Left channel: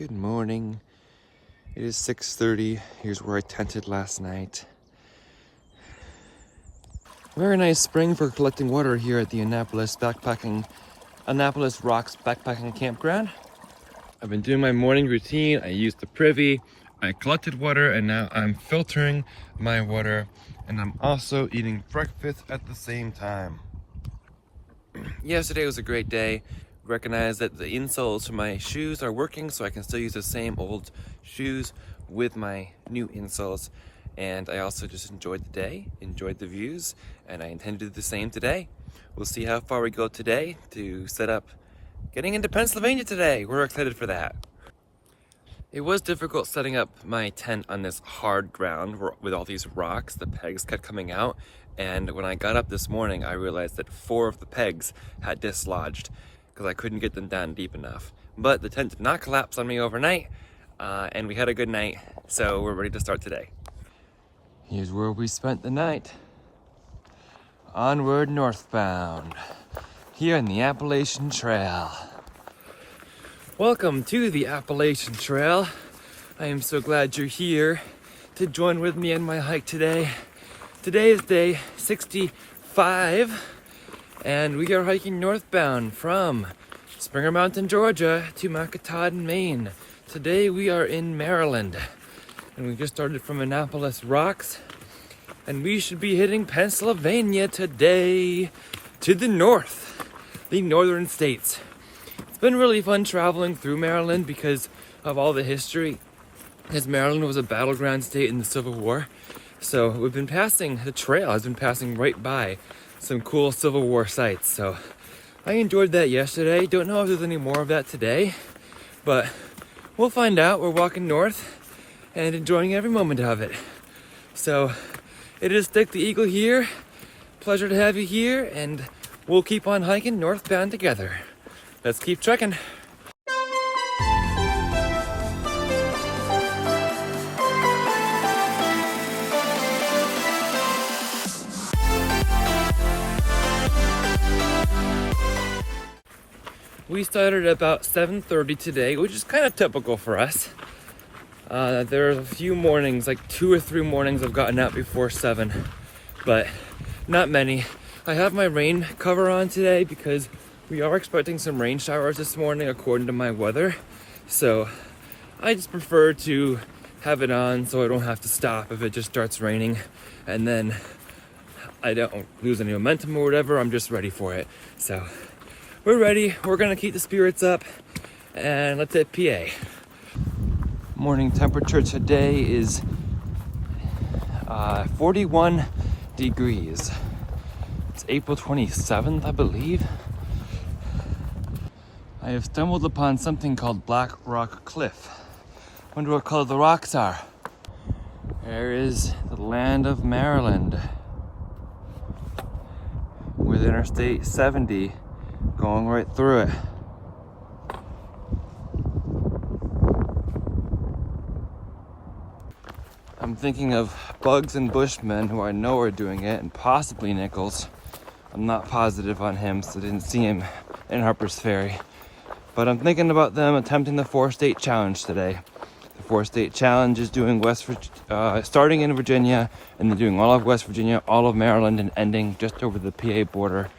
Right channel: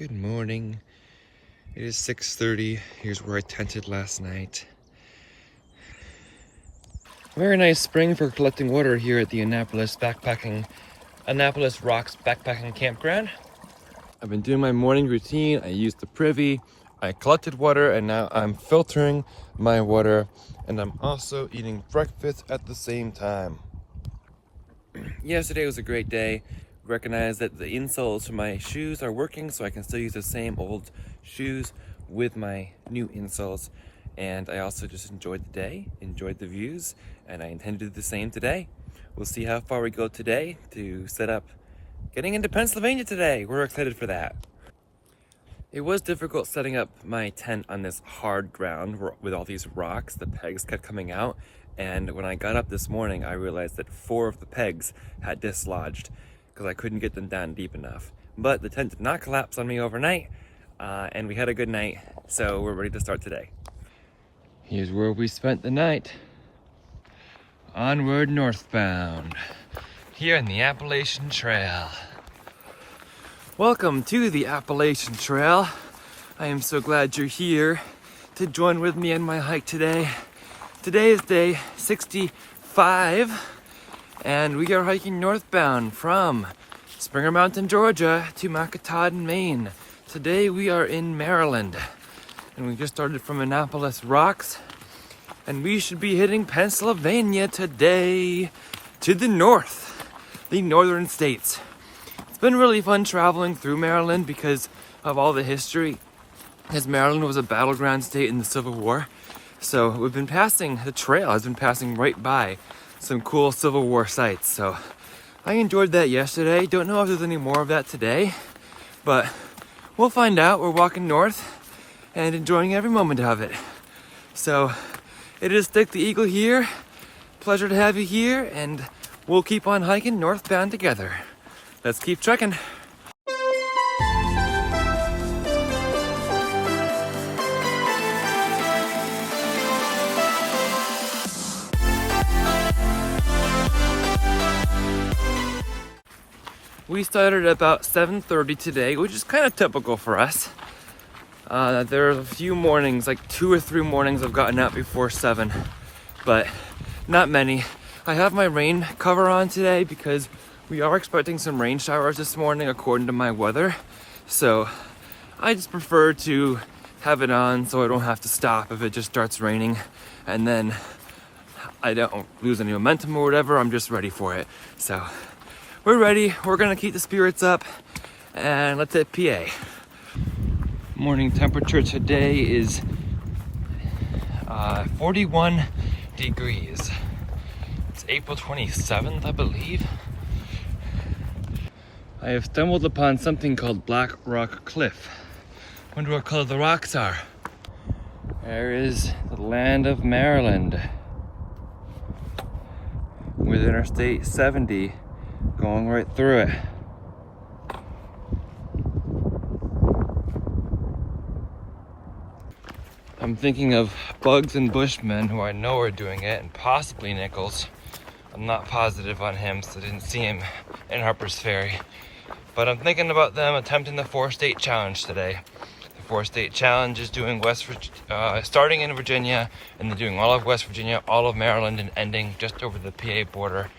Good morning. It is 6:30. Here's where I tented last night. Very nice spring for collecting water here at the Annapolis Rocks backpacking campground. I've been doing my morning routine. I used the privy, I collected water, and now I'm filtering my water, and I'm also eating breakfast at the same time. Yesterday was a great day. Recognize that the insoles for my shoes are working, so I can still use the same old shoes with my new insoles. And I also just enjoyed the day, enjoyed the views, and I intend to do the same today. We'll see how far we go today to set up getting into Pennsylvania today. We're excited for that. It was difficult setting up my tent on this hard ground with all these rocks. The pegs kept coming out, and when I got up this morning, I realized that 4 of the pegs had dislodged because I couldn't get them down deep enough. But the tent did not collapse on me overnight, and we had a good night, so we're ready to start today. Here's where we spent the night. Onward northbound, here in the Appalachian Trail. Welcome to the Appalachian Trail. I am so glad you're here to join with me in my hike today. Today is day 65, and we are hiking northbound from Springer Mountain, Georgia to Macataudin, Maine. Today we are in Maryland, and we just started from Annapolis Rocks, and we should be hitting Pennsylvania today to the north, the northern states. It's been really fun traveling through Maryland because of all the history, as Maryland was a battleground state in the Civil War. So we've been passing, the trail has been passing right by some cool Civil War sites. So I enjoyed that yesterday. Don't know if there's any more of that today, but we'll find out. We're walking north and enjoying every moment of it. So it is Stick the Eagle here. Pleasure to have you here, and we'll keep on hiking northbound together. Let's keep trekking. We started at about 7:30 today, which is kind of typical for us. There's a few mornings, like 2 or 3 mornings I've gotten out before 7, but not many. I have my rain cover on today because we are expecting some rain showers this morning according to my weather. So I just prefer to have it on so I don't have to stop if it just starts raining, and then I don't lose any momentum or whatever. I'm just ready for it. So we're ready. We're gonna keep the spirits up, and let's hit PA. Morning temperature today is 41 degrees. It's April 27th, I believe. I have stumbled upon something called Black Rock Cliff. Wonder what color the rocks are. There is the land of Maryland with Interstate 70 going right through it. I'm thinking of Bugs and Bushmen, who I know are doing it, and possibly Nichols. I'm not positive on him, so I didn't see him in Harper's Ferry. But I'm thinking about them attempting the 4-state challenge today. The 4-state challenge is doing starting in Virginia, and then doing all of West Virginia, all of Maryland, and ending just over the PA border.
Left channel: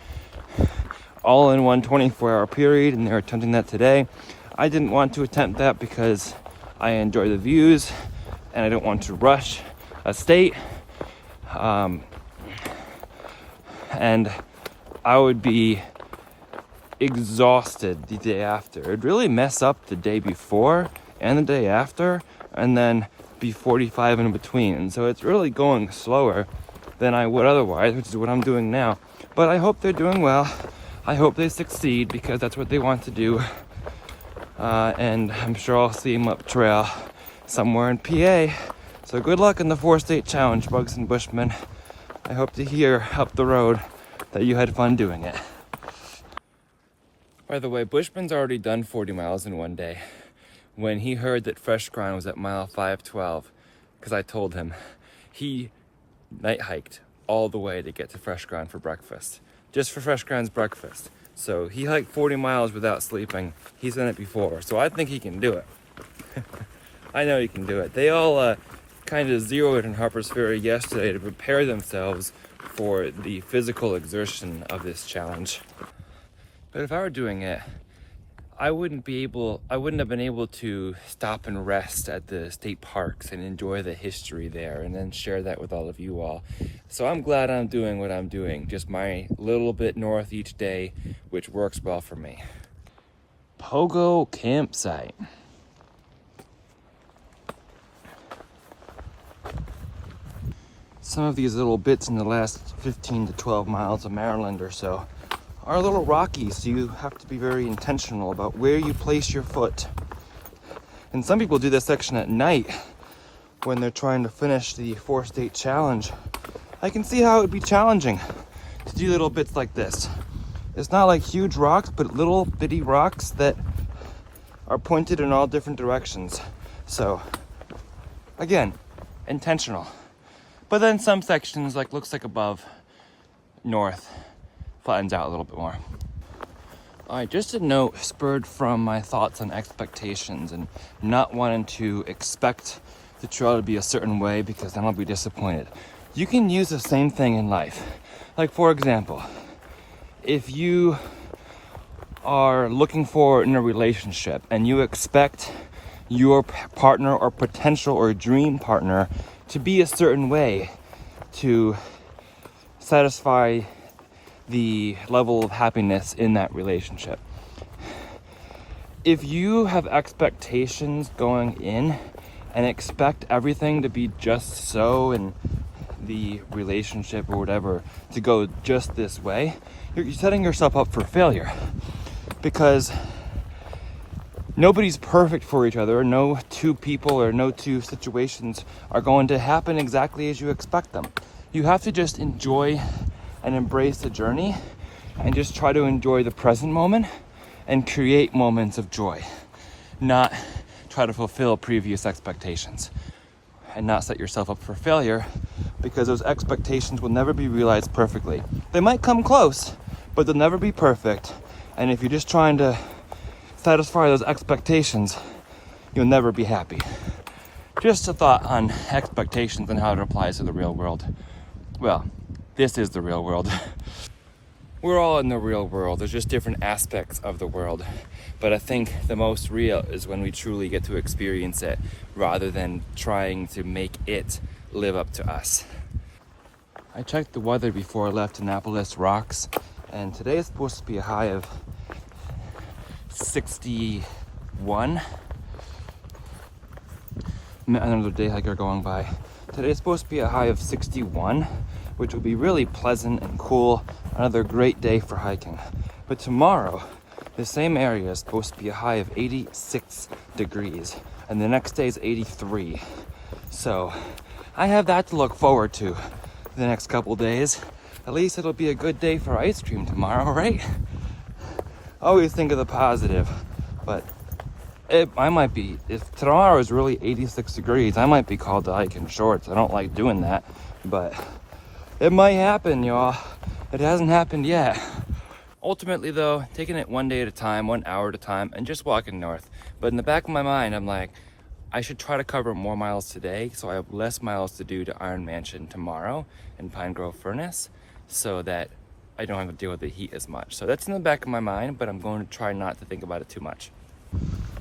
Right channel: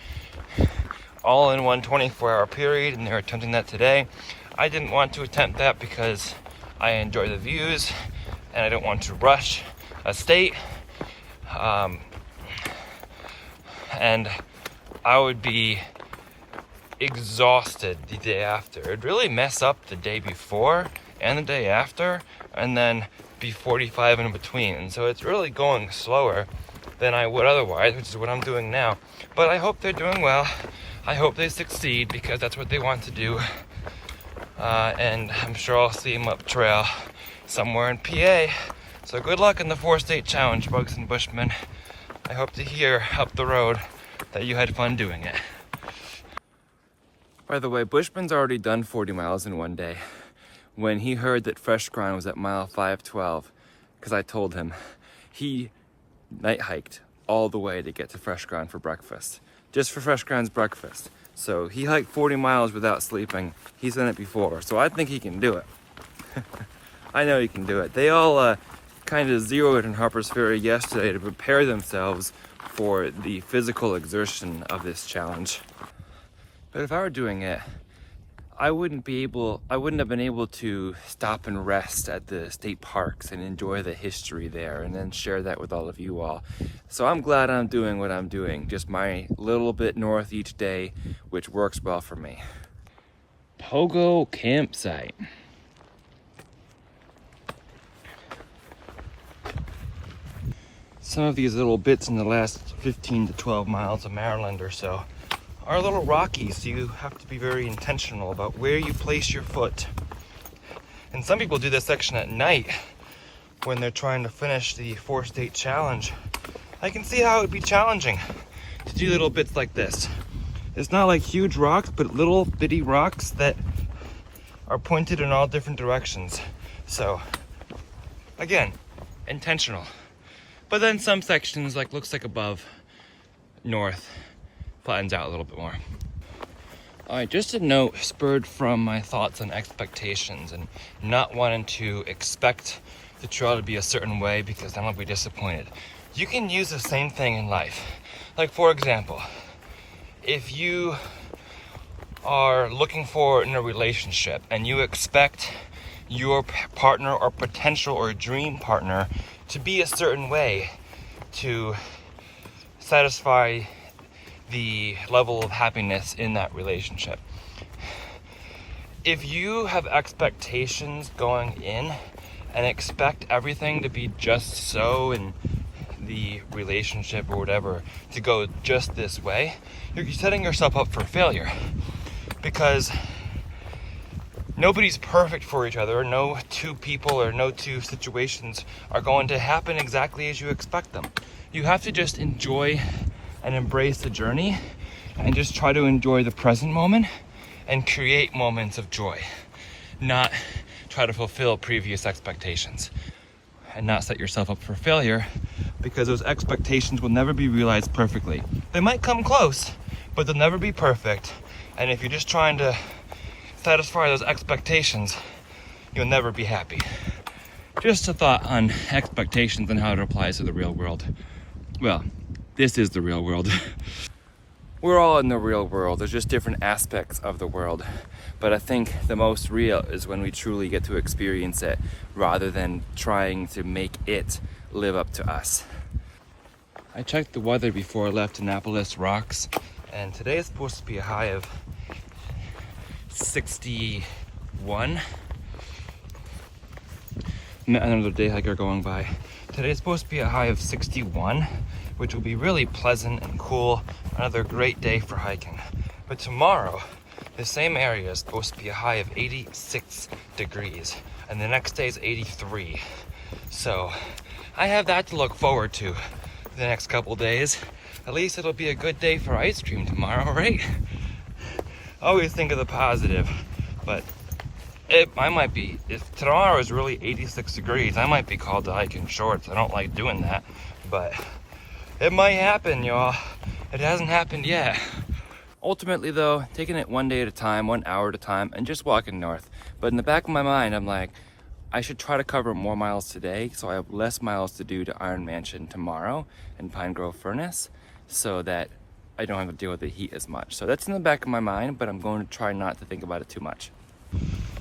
All in one 24-hour period, and they're attempting that today. I didn't want to attempt that because I enjoy the views, and I don't want to rush a state. And I would be exhausted the day after. It'd really mess up the day before and the day after, and then be 45 in between. So it's really going slower than I would otherwise, which is what I'm doing now. But I hope they're doing well. I hope they succeed because that's what they want to do. And I'm sure I'll see them up trail somewhere in PA. So good luck in the 4-state challenge, Bugs and Bushmen. I hope to hear up the road that you had fun doing it. By the way, Bushman's already done 40 miles in one day. When he heard that Fresh Ground was at mile 512, because I told him, he night hiked all the way to get to Fresh Ground for breakfast. Just for Fresh Ground's breakfast. So he hiked 40 miles without sleeping. He's done it before, so I think he can do it. I know you can do it. They all kind of zeroed in Harper's Ferry yesterday to prepare themselves for the physical exertion of this challenge. But if I were doing it, I wouldn't have been able to stop and rest at the state parks and enjoy the history there and then share that with all of you all. So I'm glad I'm doing what I'm doing, just my little bit north each day, which works well for me. Pogo campsite. Some of these little bits in the last 15 to 12 miles of Maryland or so are a little rocky, so you have to be very intentional about where you place your foot. And some people do this section at night when they're trying to finish the 4-state challenge. I can see how it would be challenging to do little bits like this. It's not like huge rocks, but little bitty rocks that are pointed in all different directions. So, again, intentional. But then some sections, like looks like above, north, flattens out a little bit more. All right, just a note spurred from my thoughts on expectations and not wanting to expect the trail to be a certain way because then I'll be disappointed. You can use the same thing in life. Like for example, if you are looking forward in a relationship and you expect your partner or potential or dream partner to be a certain way to satisfy the level of happiness in that relationship. If you have expectations going in and expect everything to be just so in the relationship or whatever to go just this way, you're setting yourself up for failure because nobody's perfect for each other. No two people or no two situations are going to happen exactly as you expect them. You have to just enjoy and embrace the journey and just try to enjoy the present moment and create moments of joy, not try to fulfill previous expectations and not set yourself up for failure because those expectations will never be realized perfectly. They might come close, but they'll never be perfect. And if you're just trying to satisfy those expectations, you'll never be happy. Just a thought on expectations and how it applies to the real world. Well, this is the real world. We're all in the real world. There's just different aspects of the world. But I think the most real is when we truly get to experience it rather than trying to make it live up to us. I checked the weather before I left Annapolis Rocks, and today is supposed to be a high of 61. Met another day hiker going by. Today's supposed to be a high of 61, which will be really pleasant and cool. Another great day for hiking. But tomorrow, the same area is supposed to be a high of 86 degrees, and the next day is 83. So I have that to look forward to the next couple days. At least it'll be a good day for ice cream tomorrow, right? Always think of the positive, but I might be, if tomorrow is really 86 degrees, I might be called to hike in shorts. I don't like doing that, but it might happen, y'all. It hasn't happened yet. Ultimately though, taking it one day at a time, 1 hour at a time, and just walking north. But in the back of my mind, I'm like, I should try to cover more miles today, so I have less miles to do to Iron Mansion tomorrow and Pine Grove Furnace, so that I don't have to deal with the heat as much. So that's in the back of my mind, but I'm going to try not to think about it too much.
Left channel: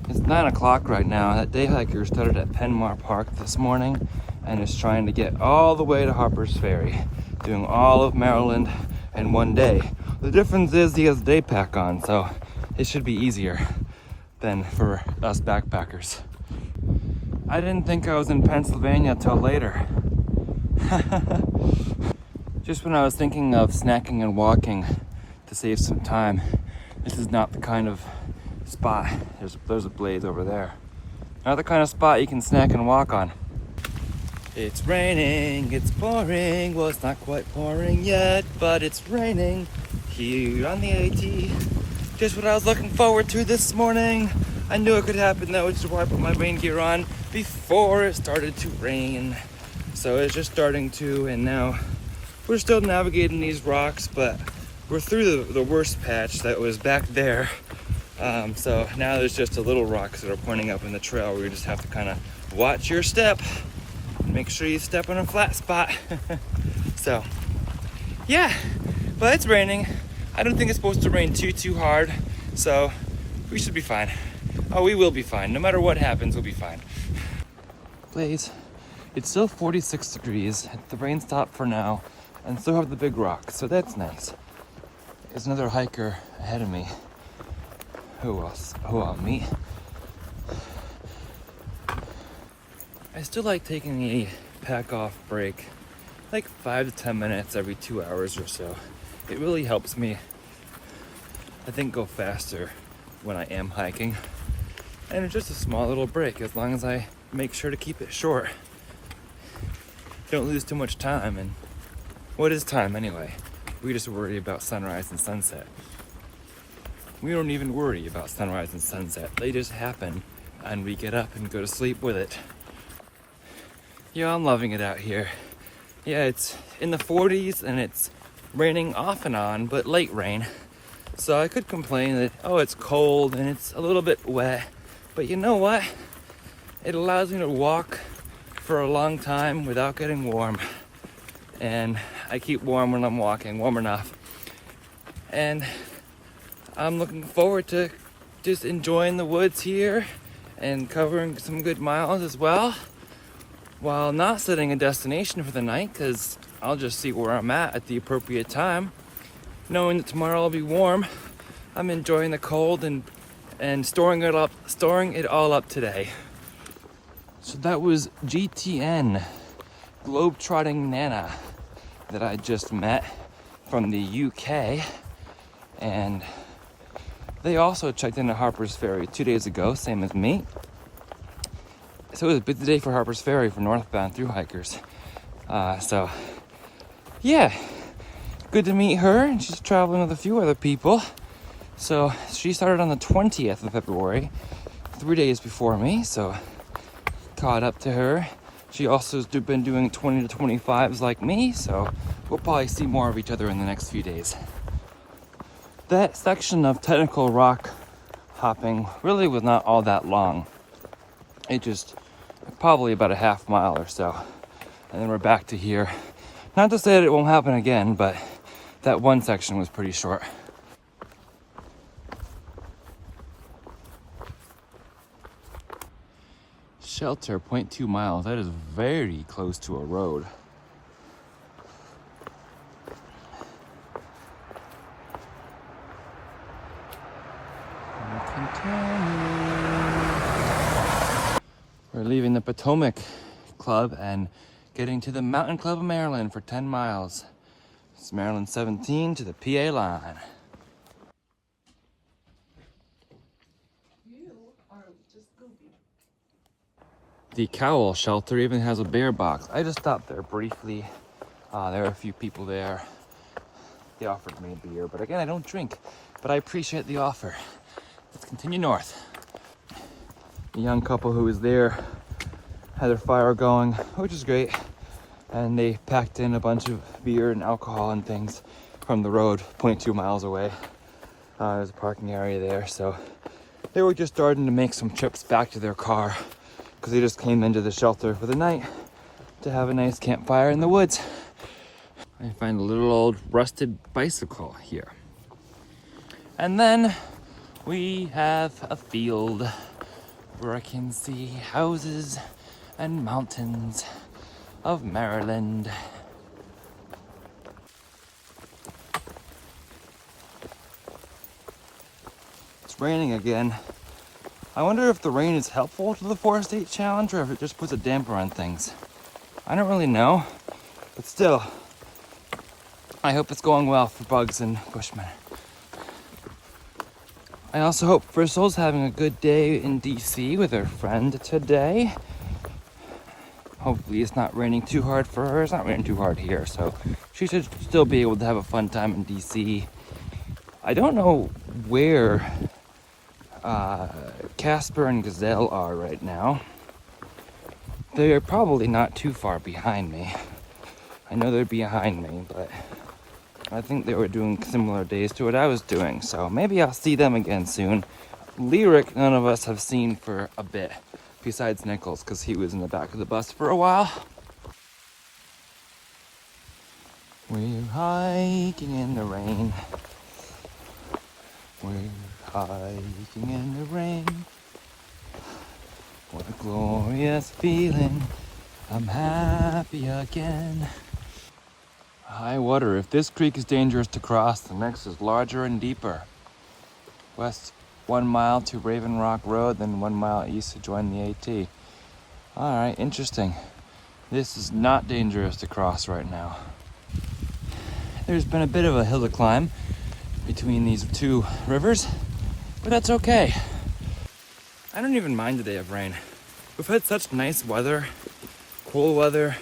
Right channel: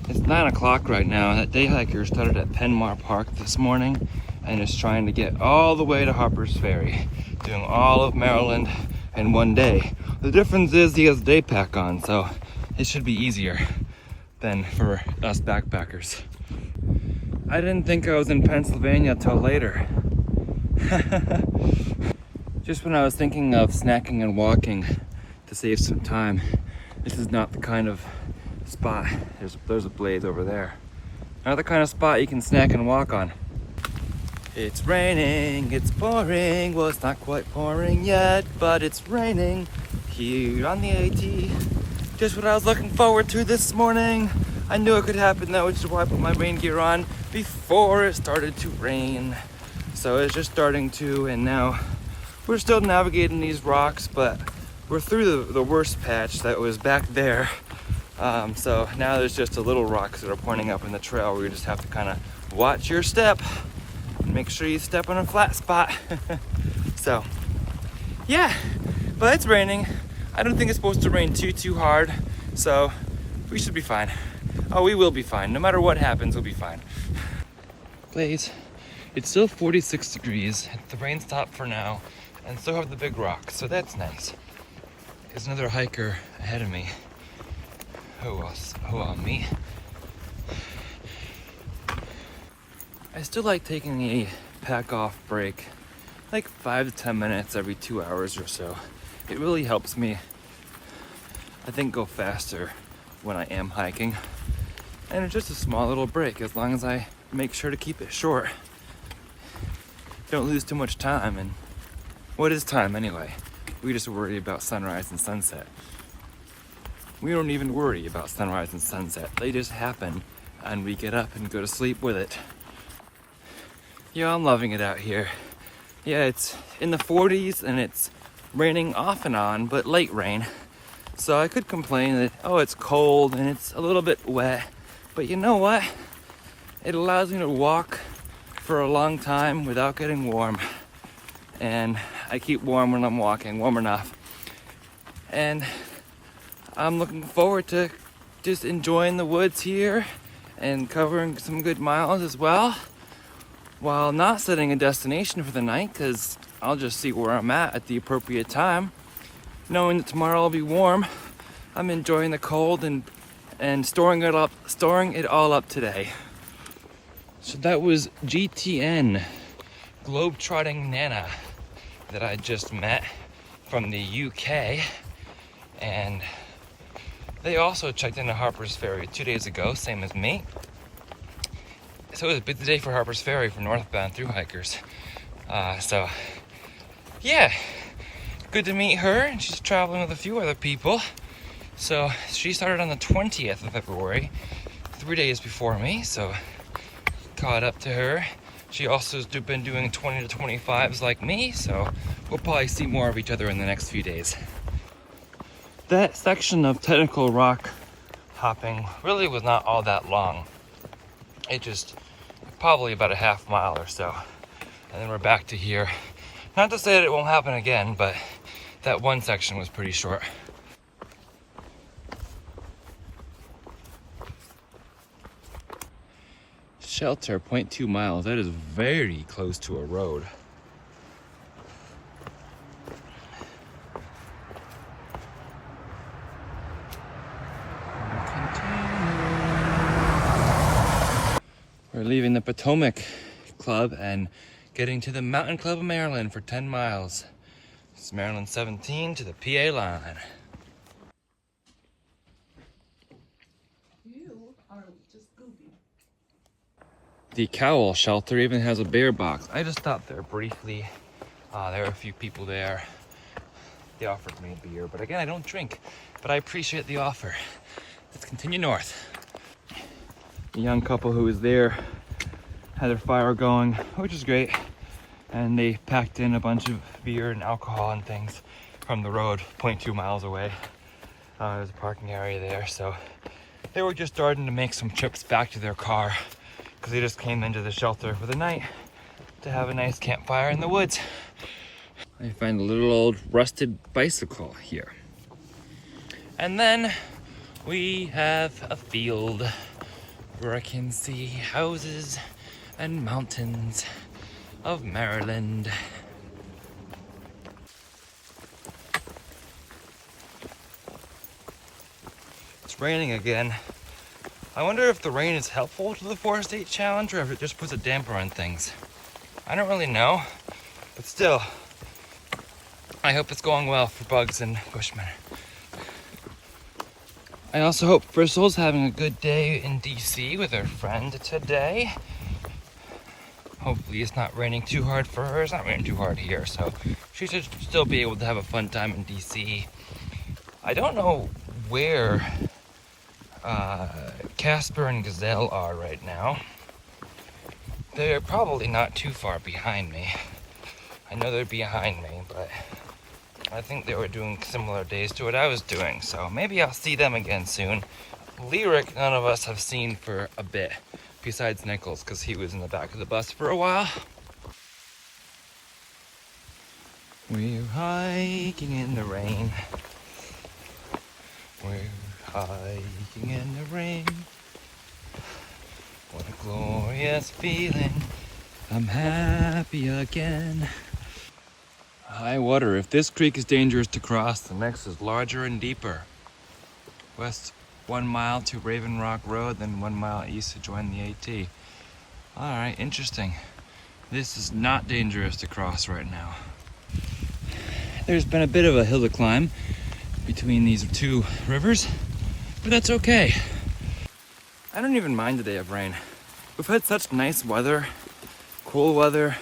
It's 9 o'clock right now. That day hiker started at Penmar Park this morning and is trying to get all the way to Harper's Ferry, doing all of Maryland in one day. The difference is he has day pack on, so it should be easier than for us backpackers. I didn't think I was in Pennsylvania till later. Just when I was thinking of snacking and walking to save some time, this is not the kind of spot. There's a blaze over there. Not the kind of spot you can snack and walk on. It's raining, it's pouring. Well, it's not quite pouring yet, but it's raining here on the AT. Just what I was looking forward to this morning. I knew it could happen though, which is why I put my rain gear on before it started to rain. So it's just starting to, and now we're still navigating these rocks, but we're through the worst patch that was back there So now there's just a little rocks that are pointing up in the trail where you just have to kind of watch your step. Make sure you step on a flat spot. So, yeah, but it's raining. I don't think it's supposed to rain too hard, so we should be fine. Oh, we will be fine. No matter what happens, we'll be fine. Blaze, it's still 46 degrees. The rain stopped for now, and so have the big rocks, so that's nice. There's another hiker ahead of me. Who will meet? I still like taking a pack off break, like 5 to 10 minutes every 2 hours or so. It really helps me, I think, go faster when I am hiking. And it's just a small little break as long as I make sure to keep it short. Don't lose too much time, and what is time anyway? We just worry about sunrise and sunset. We don't even worry about sunrise and sunset. They just happen, and we get up and go to sleep with it. Yeah, I'm loving it out here. Yeah, it's in the 40s and it's raining off and on, but light rain. So I could complain that, oh, it's cold and it's a little bit wet. But you know what? It allows me to walk for a long time without getting warm. And I keep warm when I'm walking, warm enough. And I'm looking forward to just enjoying the woods here and covering some good miles as well, while not setting a destination for the night, because I'll just see where I'm at the appropriate time. Knowing that tomorrow will be warm, I'm enjoying the cold and storing it all up today. So that was GTN, Globetrotting Nana, that I just met from the UK, and they also checked into Harper's Ferry 2 days ago, same as me. So it was a busy day for Harper's Ferry for northbound through hikers. So yeah, good to meet her, and she's traveling with a few other people. So she started on the 20th of February, 3 days before me, so caught up to her. She also has been doing 20 to 25s like me, so we'll probably see more of each other in the next few days. That section of technical rock hopping really was not all that long. It just probably about a half mile or so, and then we're back to here. Not to say that it won't happen again, but that one section was pretty short. Shelter, 0.2 miles. That is very close to a road. We're leaving the Potomac Club and getting to the Mountain Club of Maryland for 10 miles. It's Maryland 17 to the PA line. You are just goofy. The Cowl shelter even has a bear box. I just stopped there briefly. There are a few people there. They offered me a beer, but again, I don't drink, but I appreciate the offer. Let's continue north. The young couple who was there had their fire going, which is great. And they packed in a bunch of beer and alcohol and things from the road 0.2 miles away. There's a parking area there, so they were just starting to make some trips back to their car because they just came into the shelter for the night to have a nice campfire in the woods. I find a little old rusted bicycle here. And then we have a field where I can see houses and mountains of Maryland. It's raining again. I wonder if the rain is helpful to the 4-state challenge or if it just puts a damper on things. I don't really know, but still, I hope it's going well for Bugs and Bushman. I also hope Bristol's having a good day in DC with her friend today. Hopefully it's not raining too hard for her. It's not raining too hard here, so she should still be able to have a fun time in DC. I don't know where Casper and Gazelle are right now. They are probably not too far behind me. I know they're behind me, but I think they were doing similar days to what I was doing, so maybe I'll see them again soon. Lyric, none of us have seen for a bit, besides Nichols, because he was in the back of the bus for a while. We're hiking in the rain. We're hiking in the rain. What a glorious feeling. I'm happy again. High water. If this creek is dangerous to cross, the next is larger and deeper. West 1 mile to Raven Rock Road, then 1 mile east to join the AT. Alright, interesting. This is not dangerous to cross right now. There's been a bit of a hill to climb between these two rivers, but that's okay. I don't even mind the day of rain. We've had such nice weather, cool weather,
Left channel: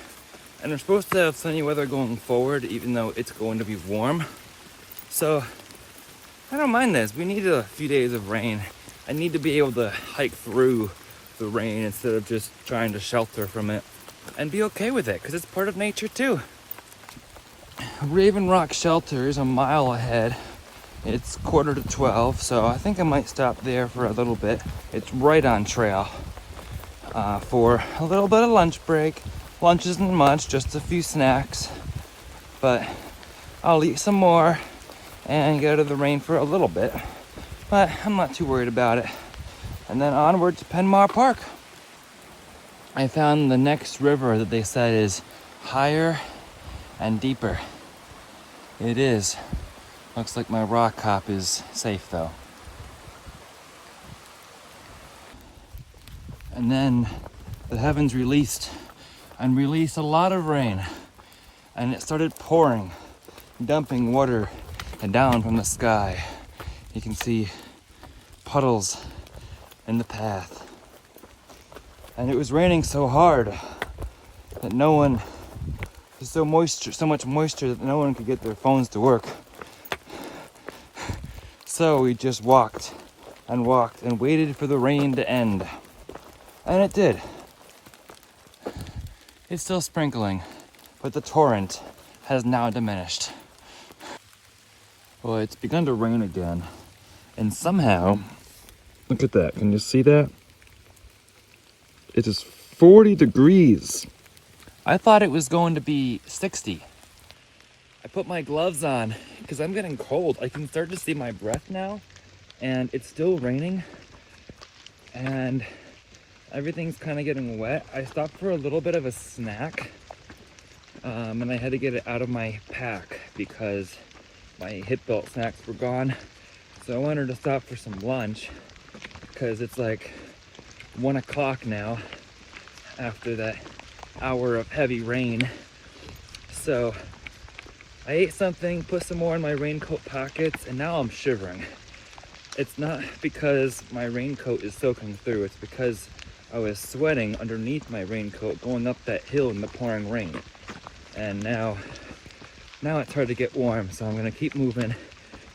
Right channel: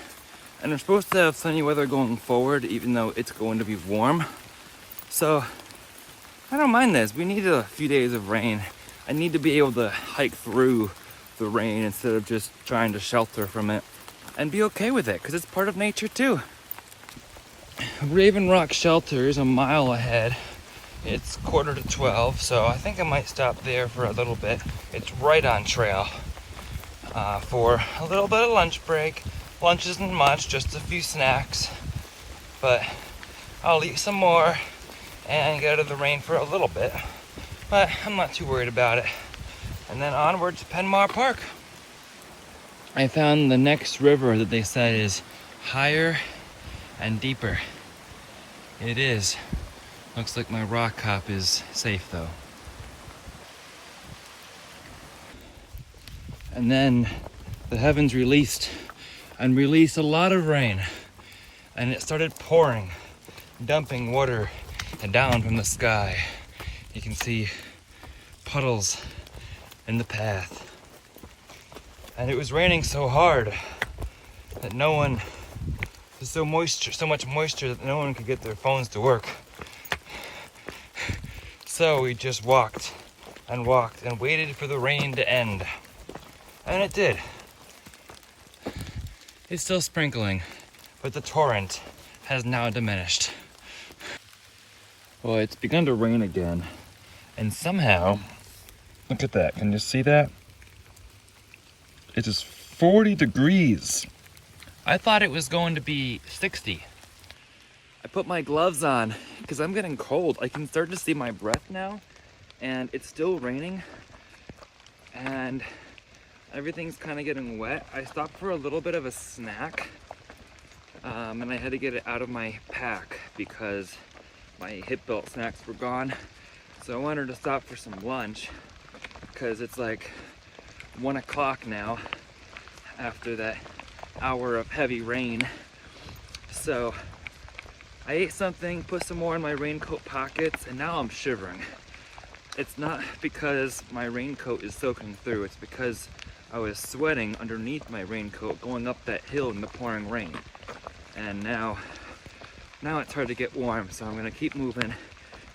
and we're supposed to have sunny weather going forward, even though it's going to be warm. So I don't mind this. We need a few days of rain. I need to be able to hike through the rain instead of just trying to shelter from it and be okay with it, because it's part of nature too. Raven Rock Shelter is a mile ahead. It's 11:45, so I think I might stop there for a little bit. It's right on trail for a little bit of lunch break. Lunch isn't much, just a few snacks, but I'll eat some more and get out of the rain for a little bit, but I'm not too worried about it. And then onward to Penmar Park. I found the next river that they said is higher and deeper. It is. Looks like my rock hop is safe though. And then the heavens released a lot of rain, and it started pouring, dumping water down from the sky. You can see puddles in the path. And it was raining so hard that there's so much moisture that no one could get their phones to work. So we just walked and waited for the rain to end. And it did. It's still sprinkling, but the torrent has now diminished. Well, it's begun to rain again, and somehow, look at that, can you see that? It is 40 degrees. I thought it was going to be 60. I put my gloves on because I'm getting cold. I can start to see my breath now, and it's still raining, and everything's kind of getting wet. I stopped for a little bit of a snack, and I had to get it out of my pack because my hip belt snacks were gone. So I wanted to stop for some lunch because it's like 1 o'clock now after that hour of heavy rain. So I ate something, put some more in my raincoat pockets, and now I'm shivering. It's not because my raincoat is soaking through, it's because I was sweating underneath my raincoat going up that hill in the pouring rain. And now it's hard to get warm, so I'm gonna keep moving,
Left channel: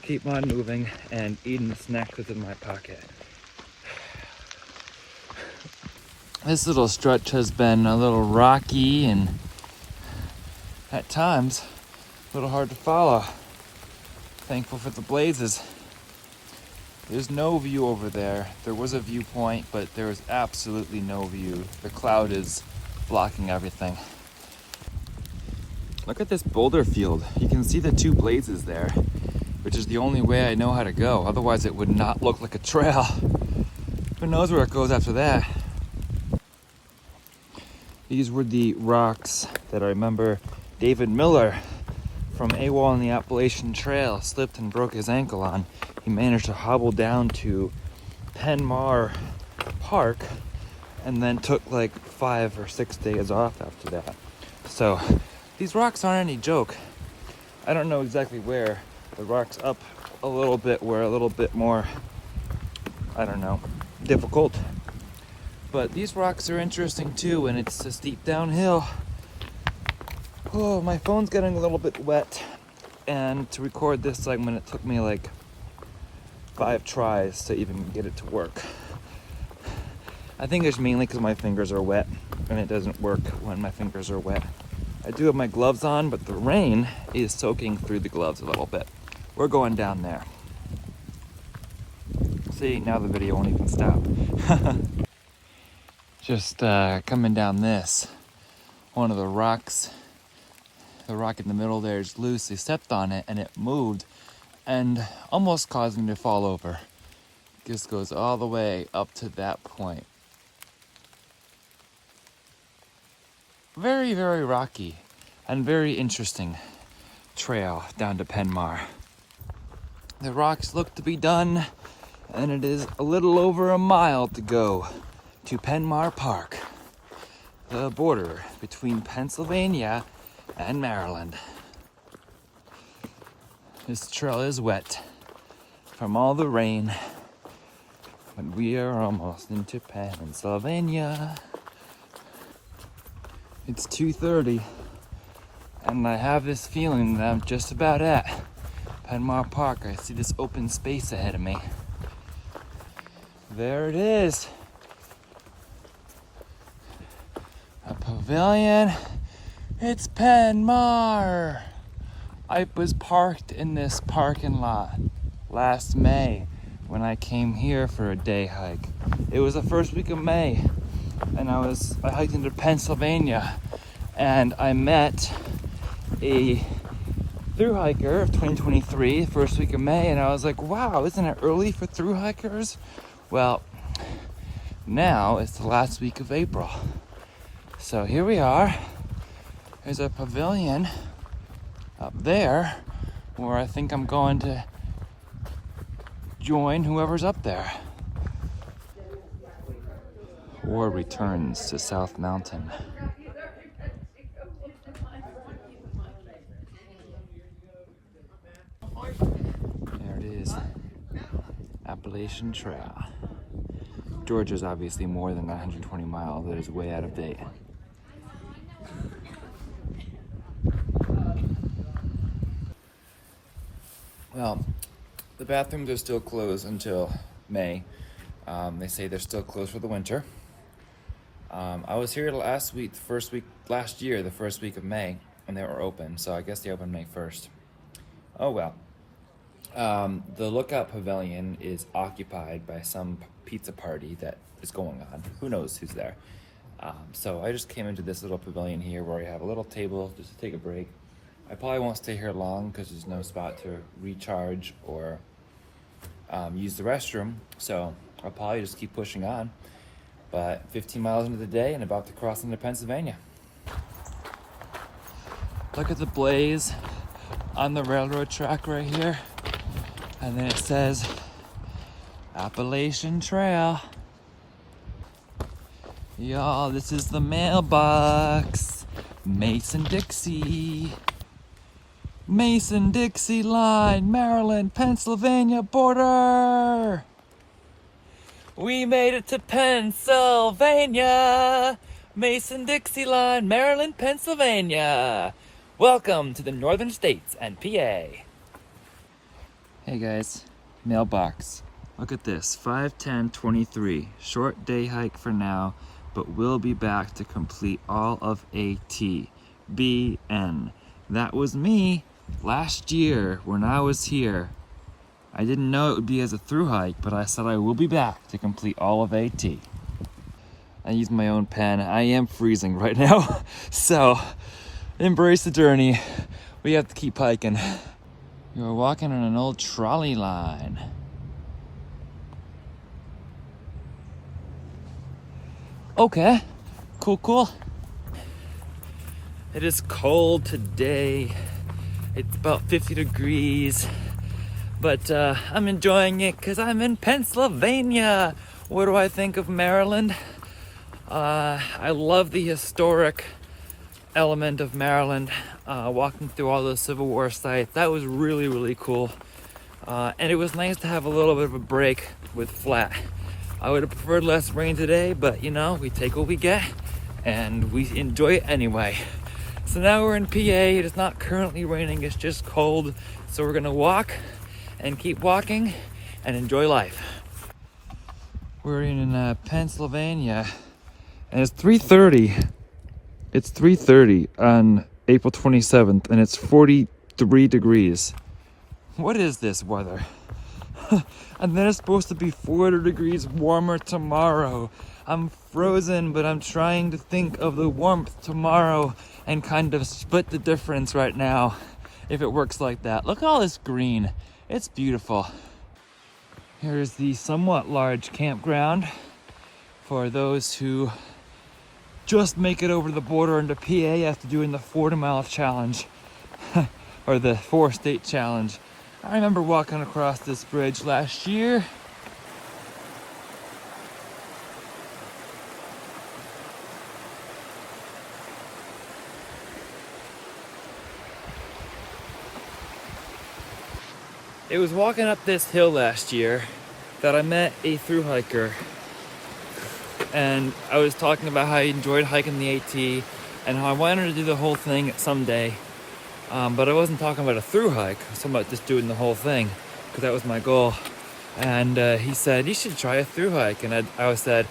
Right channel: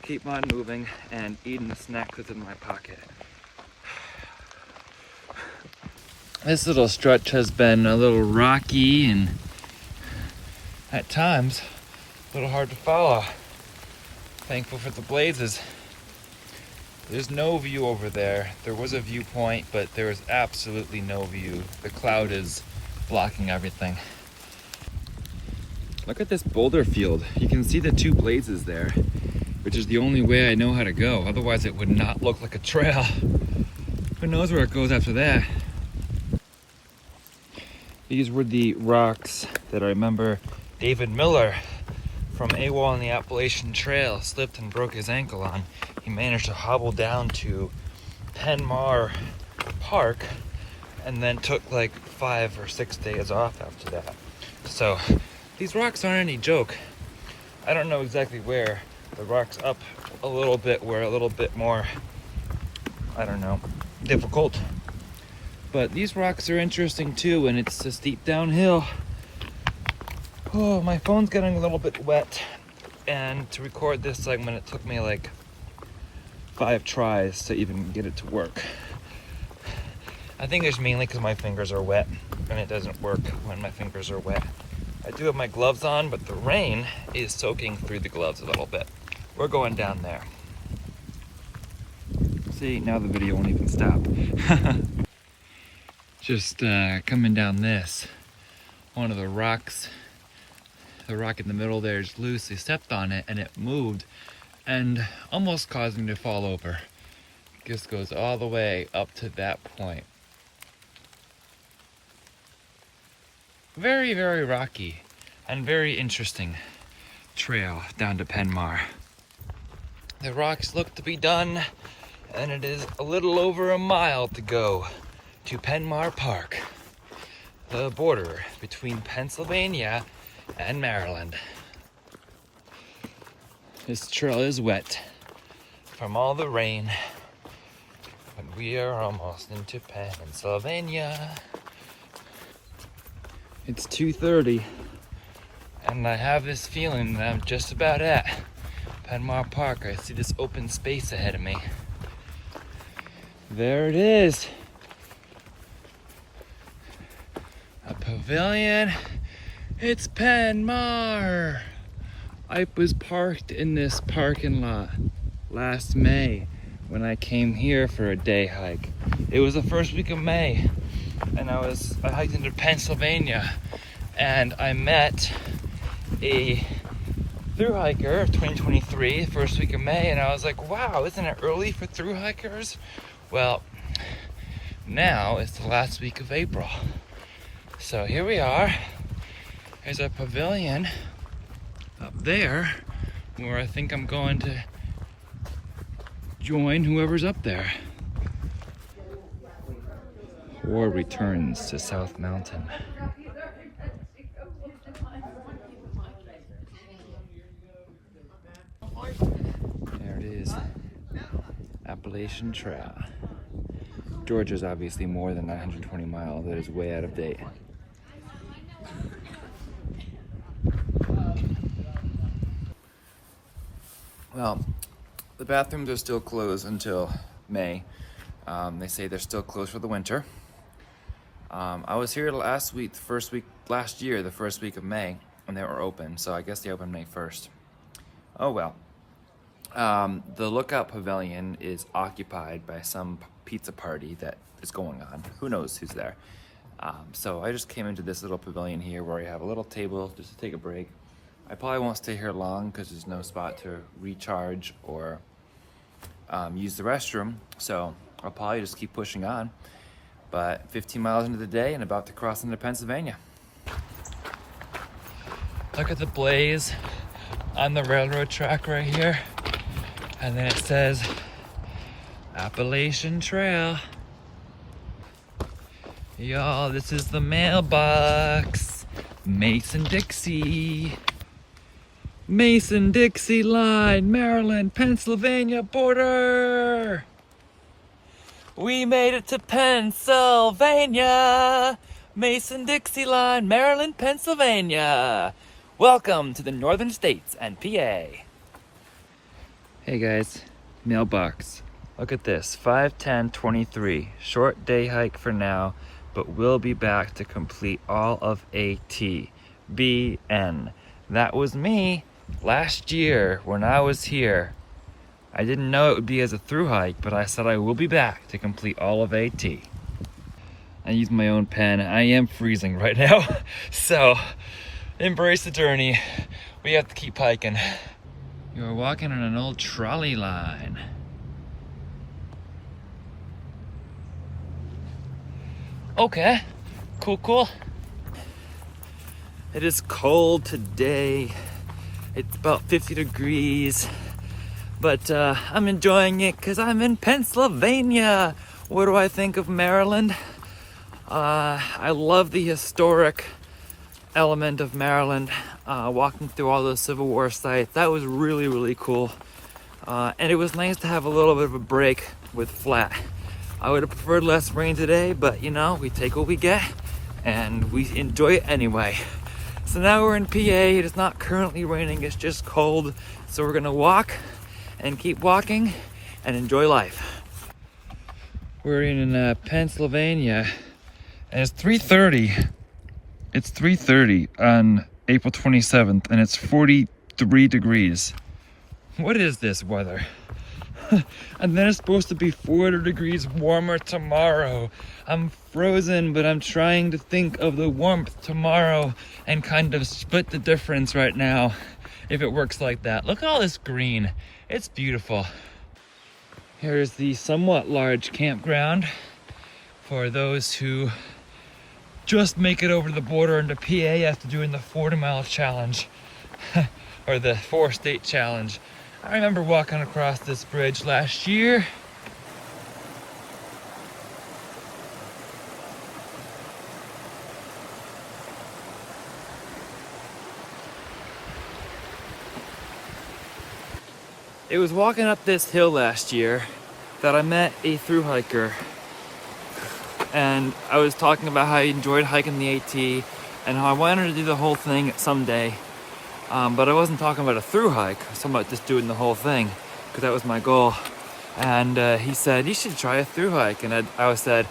keep on moving, and eating the snacks that's in my pocket. This little stretch has been a little rocky and at times a little hard to follow. Thankful for the blazes. There's no view over there. There was a viewpoint, but there is absolutely no view. The cloud is blocking everything. Look at this boulder field. You can see the 2 blazes there, which is the only way I know how to go. Otherwise it would not look like a trail. Who knows where it goes after that? These were the rocks that I remember David Miller from AWOL on the Appalachian Trail slipped and broke his ankle on. He managed to hobble down to Penmar Park and then took like 5 or 6 days off after that. So these rocks aren't any joke. I don't know exactly where. The rocks up a little bit were a little bit more, I don't know, difficult. But these rocks are interesting too, and it's a steep downhill. Oh, my phone's getting a little bit wet. And to record this segment, it took me like 5 tries to even get it to work. I think it's mainly because my fingers are wet, and it doesn't work when my fingers are wet. I do have my gloves on, but the rain is soaking through the gloves a little bit. We're going down there. See, now the video won't even stop. Just coming down this. One of the rocks, the rock in the middle there is loose. They stepped on it and it moved and almost caused me to fall over. This goes all the way up to that point. Very, very rocky and very interesting trail down to Penmar. The rocks look to be done, and it is a little over a mile to go to Penmar Park, the border between Pennsylvania and Maryland. This trail is wet from all the rain, and we are almost into Pennsylvania. It's 2:30, and I have this feeling that I'm just about at Penmar Park. I see this open space ahead of me. There it is. A pavilion. It's Penmar. I was parked in this parking lot last May when I came here for a day hike. It was the first week of May, and I hiked into Pennsylvania, and I met a thru-hiker of 2023, first week of May, and I was like, wow, isn't it early for thru-hikers? Well, now it's the last week of April. So here we are. There's a pavilion up there where I think I'm going to join whoever's up there. Or returns to South Mountain. There it is, Appalachian Trail. Georgia's obviously more than 920 miles. It is way out of date. Well, the bathrooms are still closed until May. They say they're still closed for the winter. I was here last week, last year, the first week of May, and they were open, so I guess they opened May 1st. Oh well. The Lookout Pavilion is occupied by some pizza party that is going on. Who knows who's there? So I just came into this little pavilion here where I have a little table just to take a break. I probably won't stay here long because there's no spot to recharge or use the restroom, so I'll probably just keep pushing on. But 15 miles into the day and about to cross into Pennsylvania. Look at the blaze on the railroad track right here. And then it says Appalachian Trail. Y'all, this is the mailbox. Mason-Dixie. Mason-Dixie line, Maryland, Pennsylvania border. We made it to Pennsylvania. Mason-Dixie line, Maryland, Pennsylvania. Welcome to the northern states and PA. Hey guys, mailbox. Look at this, 5/10/23. Short day hike for now, but we'll be back to complete all of AT. BN. That was me last year when I was here. I didn't know it would be as a thru hike, but I said I will be back to complete all of AT. I used my own pen. I am freezing right now, so embrace the journey. We have to keep hiking. You're walking on an old trolley line. Okay, cool. It is cold today. It's about 50 degrees, but I'm enjoying it because I'm in Pennsylvania. What do I think of Maryland? I love the historic element of Maryland, walking through all those Civil War sites. That was really cool. And it was nice to have a little bit of a break with flat. I would have preferred less rain today, but you know, we take what we get and we enjoy it anyway. So now we're in PA. It is not currently raining, it's just cold. So we're gonna walk and keep walking and enjoy life. We're in Pennsylvania, and it's 3:30. It's 3:30 on April 27th, and it's 43 degrees. What is this weather? And then it's supposed to be 40 degrees warmer tomorrow. I'm frozen, but I'm trying to think of the warmth tomorrow and kind of split the difference right now, if it works like that. Look at all this green. It's beautiful. Here's the somewhat large campground for those who just make it over the border into PA after doing the 40-mile challenge or the 4-state challenge. I remember walking across this bridge last year. It was walking up this hill last year that I met a thru-hiker, and I was talking about how I enjoyed hiking the AT and how I wanted to do the whole thing someday. But I wasn't talking about a thru-hike. I was talking about just doing the whole thing, because that was my goal. And he said, you should try a thru-hike. And I said,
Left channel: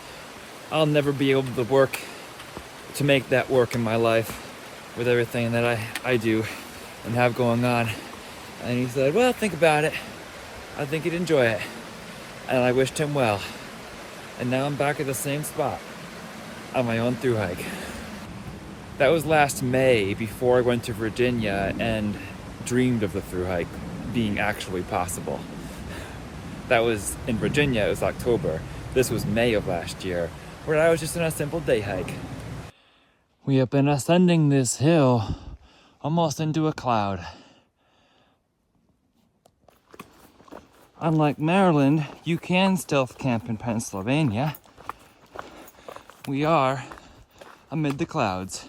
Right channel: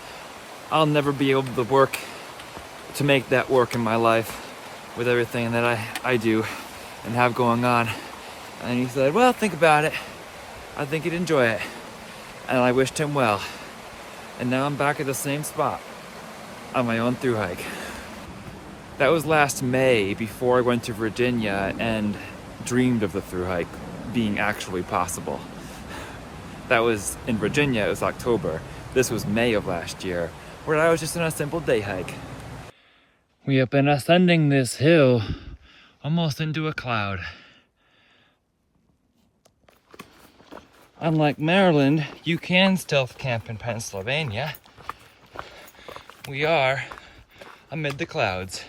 I'll never be able to make that work in my life with everything that I do and have going on. And he said, well, think about it. I think you'd enjoy it. And I wished him well. And now I'm back at the same spot on my own thru-hike. That was last May, before I went to Virginia and dreamed of the thru-hike being actually possible. That was in Virginia, it was October. This was May of last year, where I was just on a simple day hike. We have been ascending this hill almost into a cloud. Unlike Maryland, you can stealth camp in Pennsylvania. We are amid the clouds.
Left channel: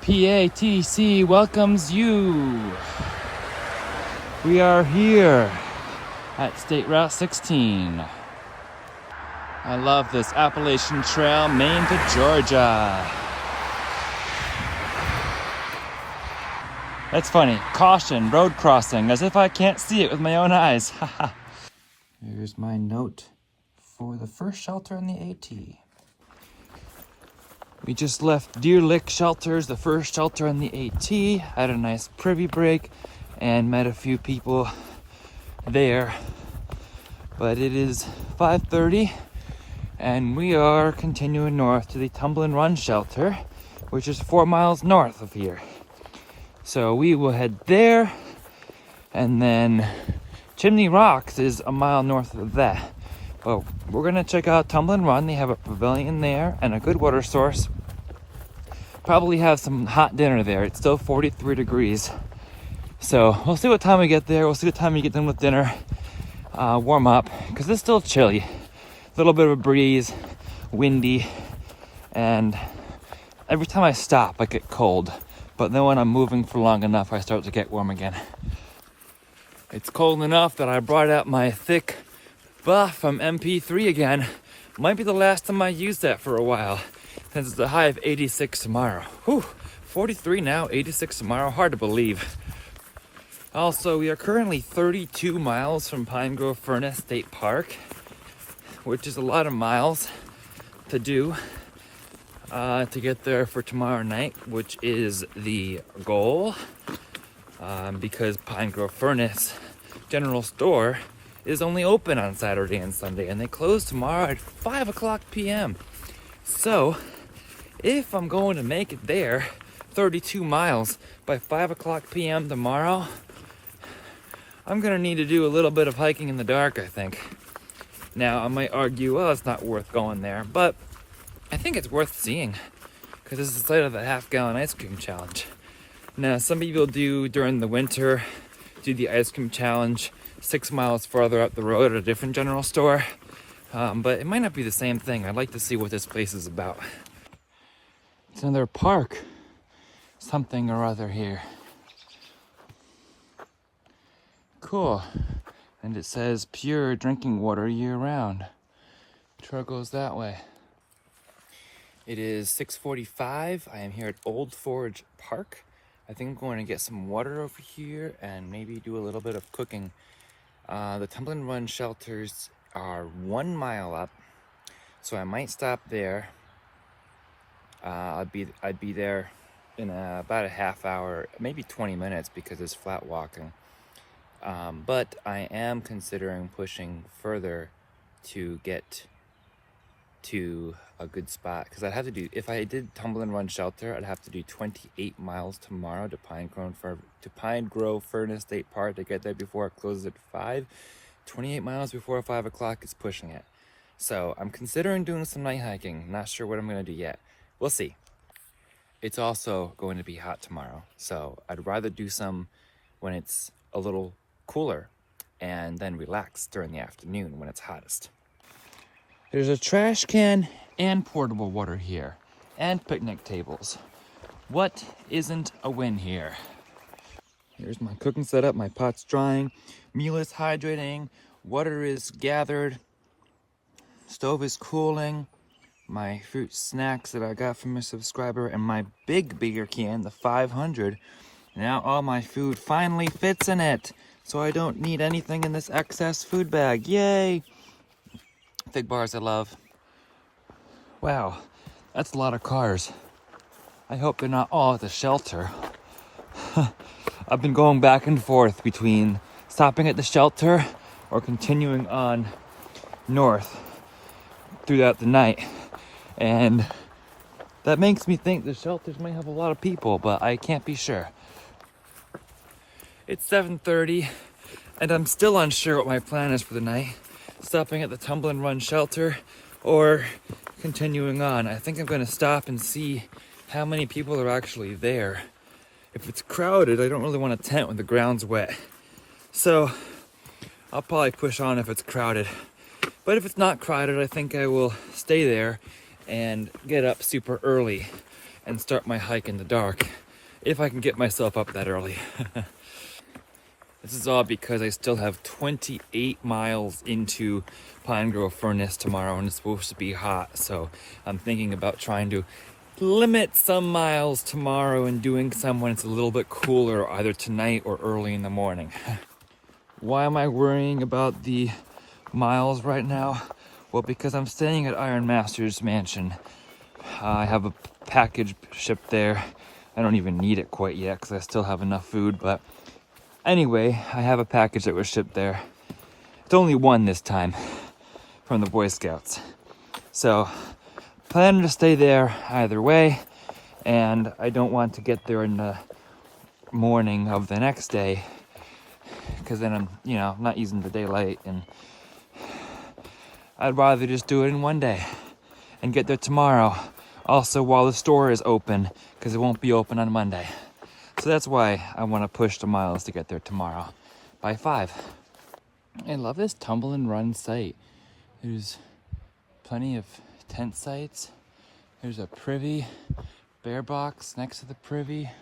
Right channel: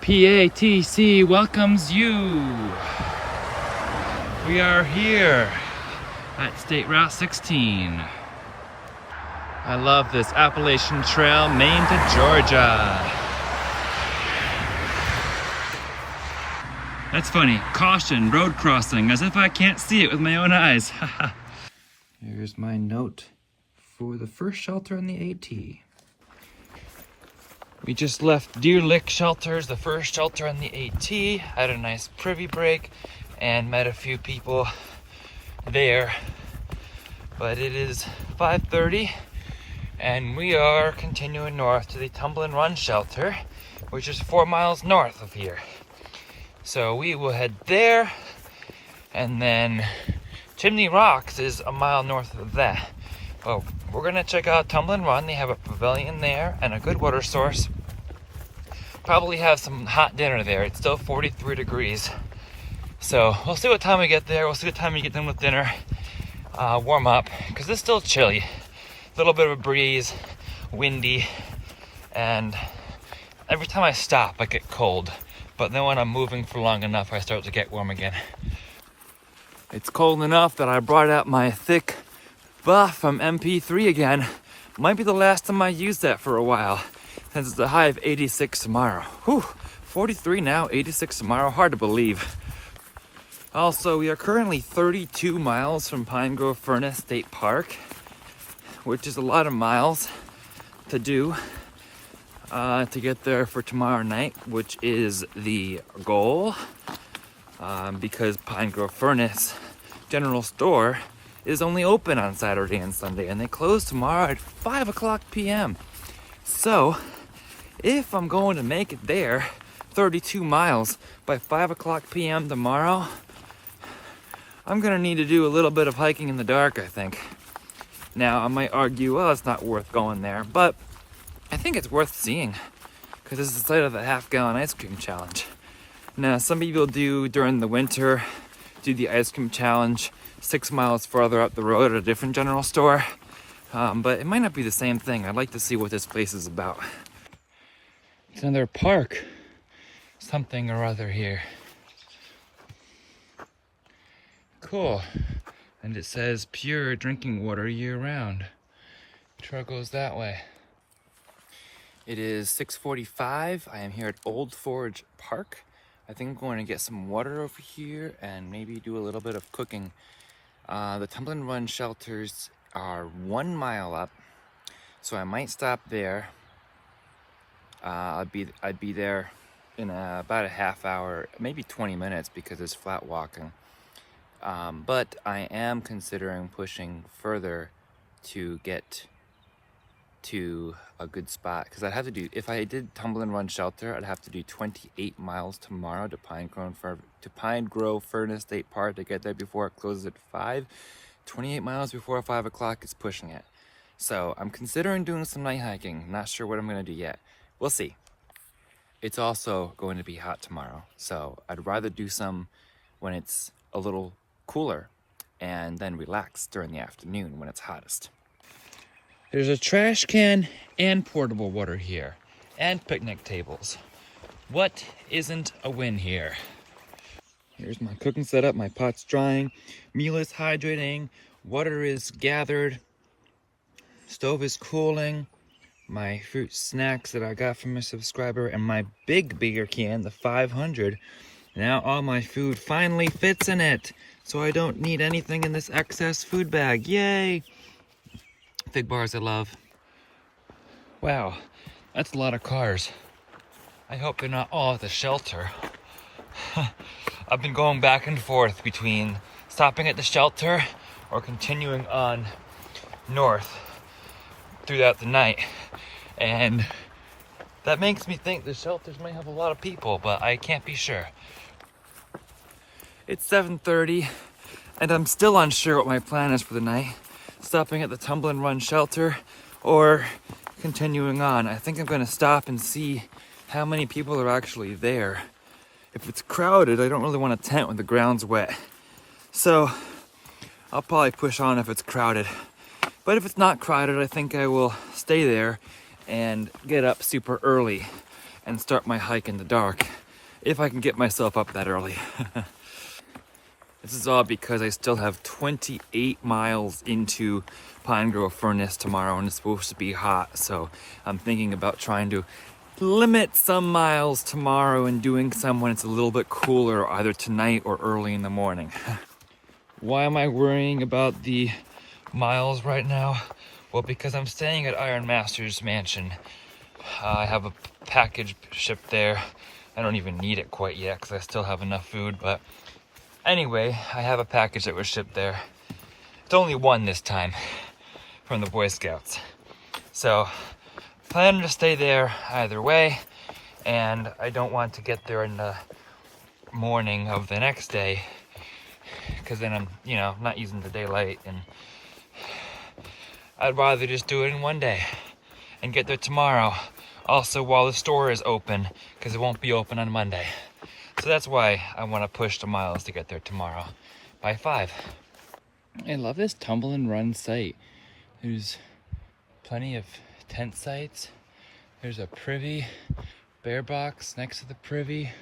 PATC welcomes you. We are here at State Route 16. I love this Appalachian Trail, Maine to Georgia. That's funny. Caution, road crossing, as if I can't see it with my own eyes. There's my note for the first shelter on the AT. We just left Deer Lick Shelters, the first shelter in the AT, had a nice privy break and met a few people there. But it is 5:30 and we are continuing north to the Tumble and Run Shelter, which is 4 miles north of here. So we will head there, and then Chimney Rocks is a mile north of that. But we're gonna check out Tumble and Run. They have a pavilion there and a good water source. Probably have some hot dinner there. It's still 43 degrees. So we'll see what time we get there. We'll see what time we get done with dinner. Warm up, because it's still chilly. A little bit of a breeze, windy, and every time I stop I get cold. But then when I'm moving for long enough, I start to get warm again. It's cold enough that I brought out my thick buff from MP3 again. Might be the last time I use that for a while, since it's a high of 86 tomorrow. Whew, 43 now, 86 tomorrow, hard to believe. Also, we are currently 32 miles from Pine Grove Furnace State Park, which is a lot of miles to do to get there for tomorrow night, which is the goal, because Pine Grove Furnace General Store is only open on Saturday and Sunday, and they close tomorrow at 5 o'clock p.m. So, if I'm going to make it there 32 miles by 5 o'clock p.m. tomorrow, I'm gonna need to do a little bit of hiking in the dark, I think. Now, I might argue, well, it's not worth going there, but I think it's worth seeing, because it's the site of the half-gallon ice cream challenge. Now, some people do during the winter, do the ice cream challenge 6 miles farther up the road at a different general store, but it might not be the same thing. I'd like to see what this place is about. It's another park, something or other here. Cool. And it says pure drinking water year-round. Trail goes that way. It is 6:45. I am here at Old Forge Park. I think I'm going to get some water over here and maybe do a little bit of cooking. The Tumble and Run shelters are 1 mile up. So I might stop there. I'd be there in about a half hour, maybe 20 minutes, because it's flat walking. But I am considering pushing further to get to a good spot, because I'd have to do, if I did Tumble and Run Shelter, I'd have to do 28 miles tomorrow to Pine Grove Furnace State Park to get there before it closes at 5. 28 miles before 5 o'clock is pushing it. So I'm considering doing some night hiking. Not sure what I'm going to do yet. We'll see. It's also going to be hot tomorrow, so I'd rather do some when it's a little cooler and then relax during the afternoon when it's hottest. There's a trash can and portable water here, and picnic tables. What isn't a win here? Here's my cooking setup. My pot's drying, meal is hydrating, water is gathered, stove is cooling, my fruit snacks that I got from a subscriber, and my bigger can, the 500. Now all my food finally fits in it, so I don't need anything in this excess food bag. Yay! Fig bars I love. Wow, that's a lot of cars. I hope they're not all at the shelter. I've been going back and forth between stopping at the shelter or continuing on north throughout the night. And that makes me think the shelters may have a lot of people, but I can't be sure. It's 7:30 and I'm still unsure what my plan is for the night. Stopping at the Tumble and Run Shelter or continuing on. I think I'm going to stop and see how many people are actually there. If it's crowded, I don't really want to tent when the ground's wet. So I'll probably push on if it's crowded. But if it's not crowded, I think I will stay there and get up super early and start my hike in the dark, if I can get myself up that early. This is all because I still have 28 miles into Pine Grove Furnace tomorrow, and it's supposed to be hot, so I'm thinking about trying to limit some miles tomorrow and doing some when it's a little bit cooler, either tonight or early in the morning. Why am I worrying about the miles right now? Well, because I'm staying at Iron Master's mansion. I have a package shipped there. I don't even need it quite yet because I still have enough food, but anyway, I have a package that was shipped there. It's only one this time from the Boy Scouts. So, plan to stay there either way, and I don't want to get there in the morning of the next day because then I'm, not using the daylight, and I'd rather just do it in one day and get there tomorrow. Also, while the store is open, because it won't be open on Monday. So that's why I want to push the miles to get there tomorrow by 5. I love this Tumble and Run site. There's plenty of tent sites. There's a privy, bear box next to the privy.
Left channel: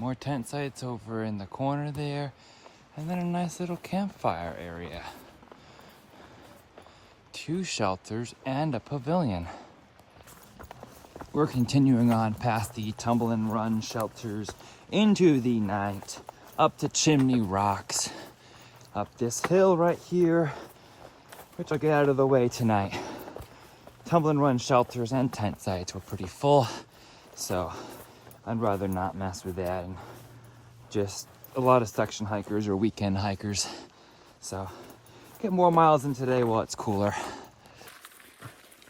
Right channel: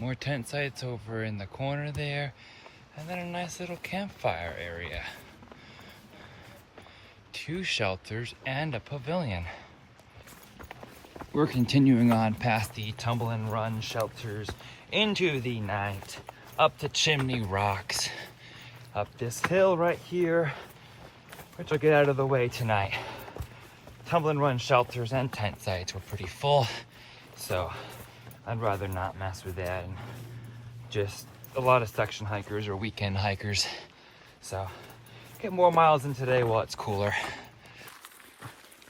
More tent sites over in the corner there. And then a nice little campfire area. 2 shelters and a pavilion. We're continuing on past the Tumble and Run shelters into the night, up to Chimney Rocks, up this hill right here, which I'll get out of the way tonight. Tumble and Run shelters and tent sites were pretty full, so I'd rather not mess with that, and just a lot of section hikers or weekend hikers. So get more miles in today while it's cooler.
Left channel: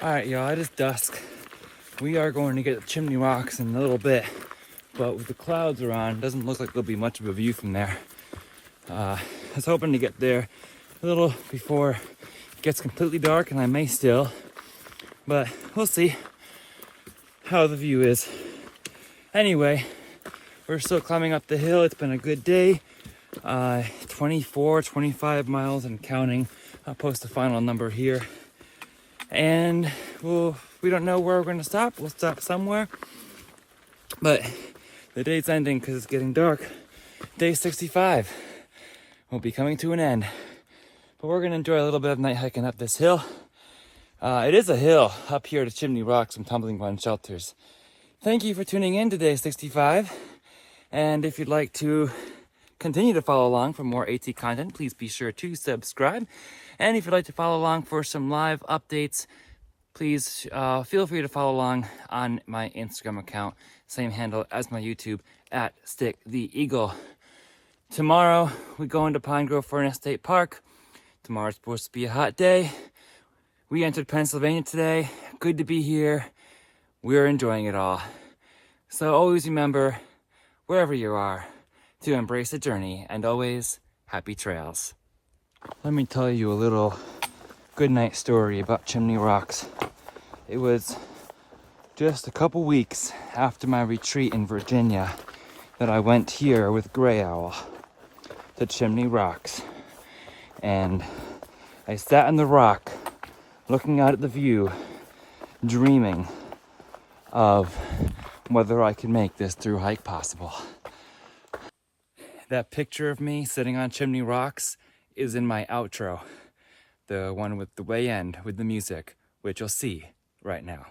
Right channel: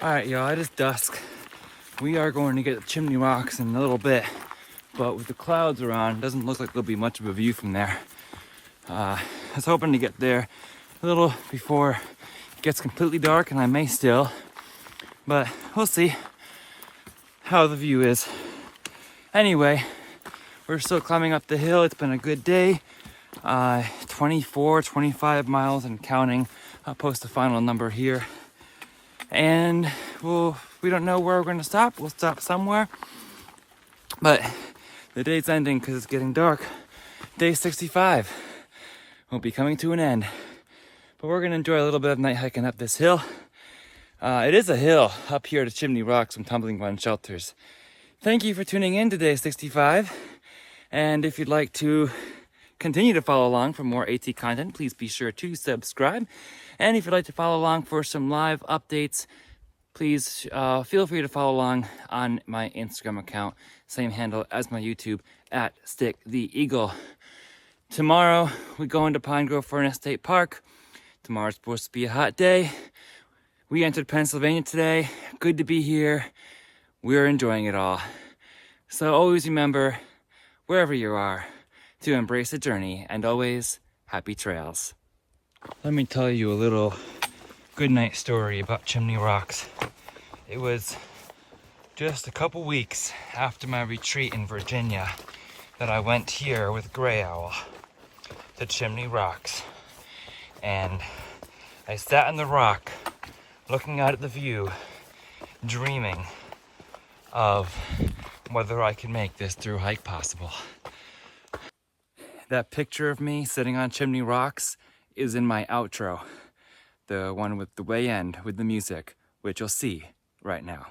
All right, y'all, it is dusk. We are going to get the Chimney Rocks in a little bit, but with the clouds around, it doesn't look like there'll be much of a view from there. I was hoping to get there a little before it gets completely dark, and I may still, but we'll see how the view is. Anyway, we're still climbing up the hill. It's been a good day. 24, 25 miles and counting. I'll post the final number here. And we don't know where we're going to stop. We'll stop somewhere. But the day's ending because it's getting dark. Day 65 will be coming to an end. But we're going to enjoy a little bit of night hiking up this hill. It is a hill up here to Chimney Rocks and Tumbling Run Shelters. Thank you for tuning in to Day 65. And if you'd like to continue to follow along for more AT content, please be sure to subscribe. And if you'd like to follow along for some live updates, please feel free to follow along on my Instagram account, same handle as my YouTube, at Stick the Eagle. Tomorrow, we go into Pine Grove Furnace State Park. Tomorrow's supposed to be a hot day. We entered Pennsylvania today. Good to be here. We're enjoying it all. So always remember, wherever you are, to embrace the journey and always happy trails. Let me tell you a little goodnight story about Chimney Rocks. It was just a couple weeks after my retreat in Virginia that I went here with Gray Owl to Chimney Rocks. And I sat on the rock, looking out at the view, dreaming of whether I could make this Thru-Hike possible. That picture of me sitting on Chimney Rocks is in my outro. The one with the way end with the music, which you'll see right now.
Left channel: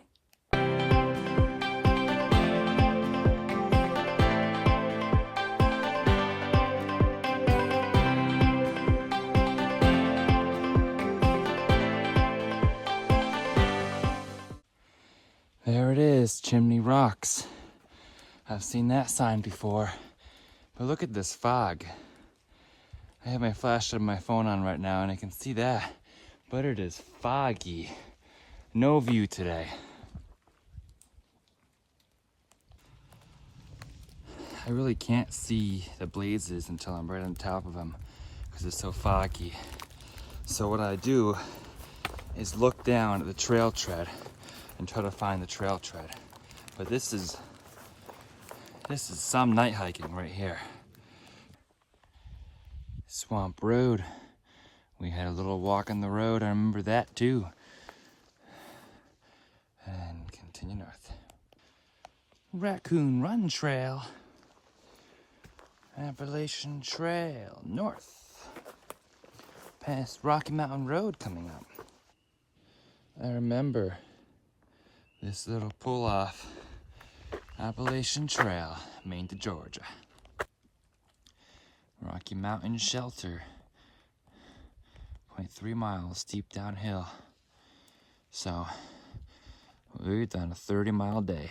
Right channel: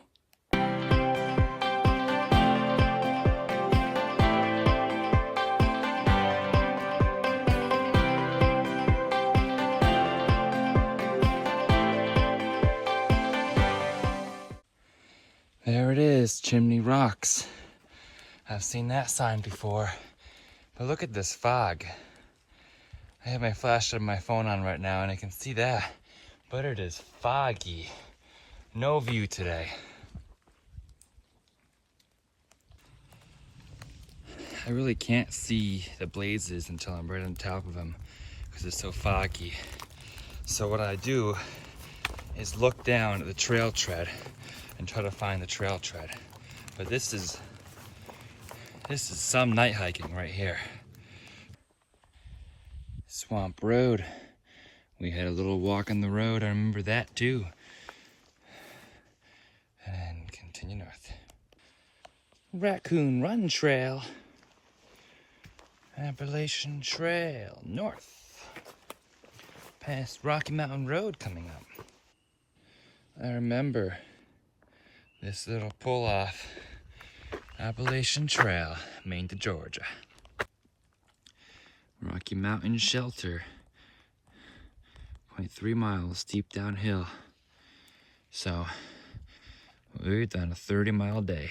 There it is, Chimney Rocks. I've seen that sign before, but look at this fog. I have my flashlight on my phone on right now and I can see that, but it is foggy. No view today. I really can't see the blazes until I'm right on top of them because it's so foggy. So what I do is look down at the trail tread and try to find the trail tread. But this is some night hiking right here. Swamp Road. We had a little walk on the road, I remember that too. And continue north. Raccoon Run Trail. Appalachian Trail north. Past Rocky Mountain Road coming up. I remember this little pull off. Appalachian Trail, Maine to Georgia. Rocky Mountain Shelter. 0.3 miles steep downhill. So we've done a 30-mile day.